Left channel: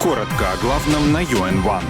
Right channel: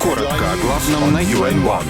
Коротко о главном на UN-1.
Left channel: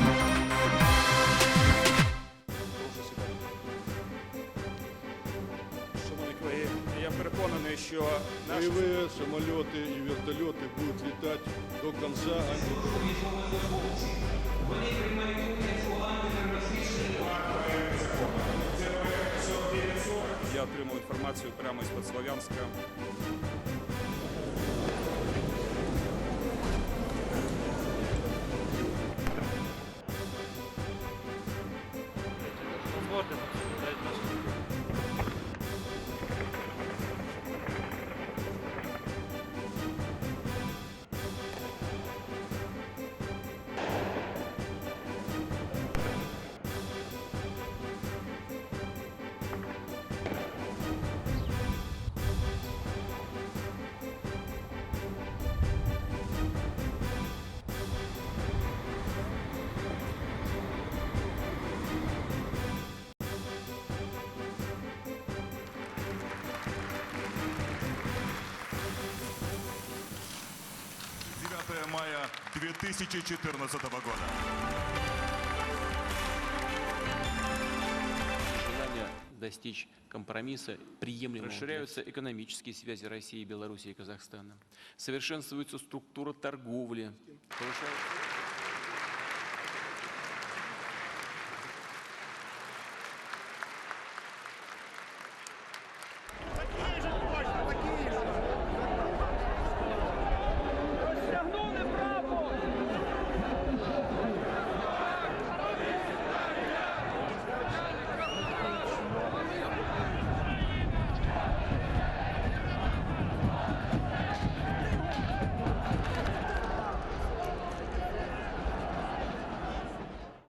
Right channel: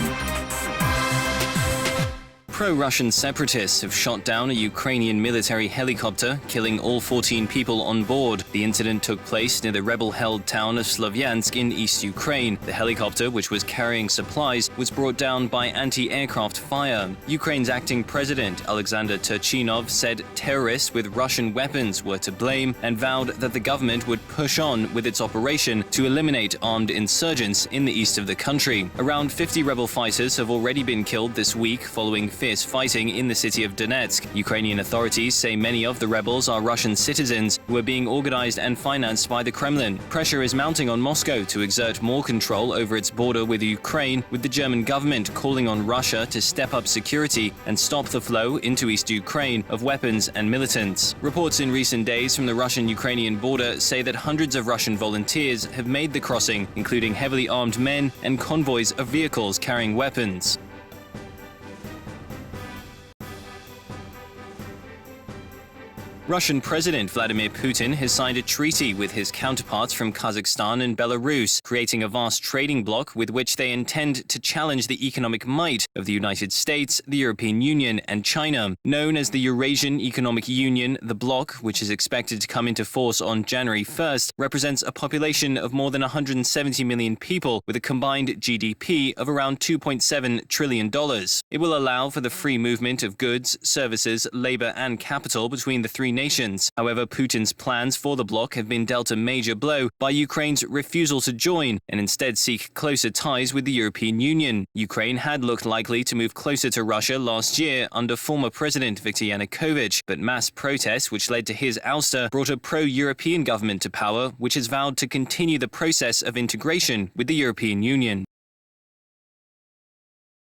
Pro-Russian separatists have shot down a Ukrainian military helicopter, killing all 14 people on board. The incident took place near the rebel-held town of Slovyansk in East Ukraine. The helicopter, which was carrying supplies, was brought down by anti-aircraft fire. Ukraine's acting president, Alexander Turchinov, said terrorists with Russian weapons were to blame and vowed that the government would push on with its operation to eliminate armed insurgents in the east of the country. Around 50 rebel fighters have already been killed this week following fierce fighting in the city of Donetsk. Ukrainian authorities say many of the rebels are Russian citizens who are being organized and financed by the Kremlin. Pressure is mounting on Moscow to exert more control over its border with Ukraine, with the German government calling on Russia to step up security and stop the flow into East Ukraine of weapons and militants. Reports in recent days from the Russian-Ukrainian border say that hundreds of Russian volunteers have made the crossing, including heavily armed men and convoys of vehicles carrying weapons. Russian President Vladimir Putin has signed a treaty with his counterparts from Kazakhstan and Belarus, creating a vast trading bloc with which they intend to challenge the economic might of the United States, the European Union and China. Known as the Eurasian Economic Union, the bloc, which is expected to come into force on January 1st, represents a population of more than 170 million people with a combined GDP of around $2.7 trillion. It will allow for the free movement of goods, services, labor and capital between the three nations. However, Putin's plans for the bloc have been dealt a major blow by Ukraine's refusal to join and instead seek closer ties with the European Union. Ukraine had looked likely to move closer to Russia last year under former President Viktor Yanukovych, but mass protests which led to his ouster brought a pro-European government to power, which has vowed to continue the process of integration with the European Union.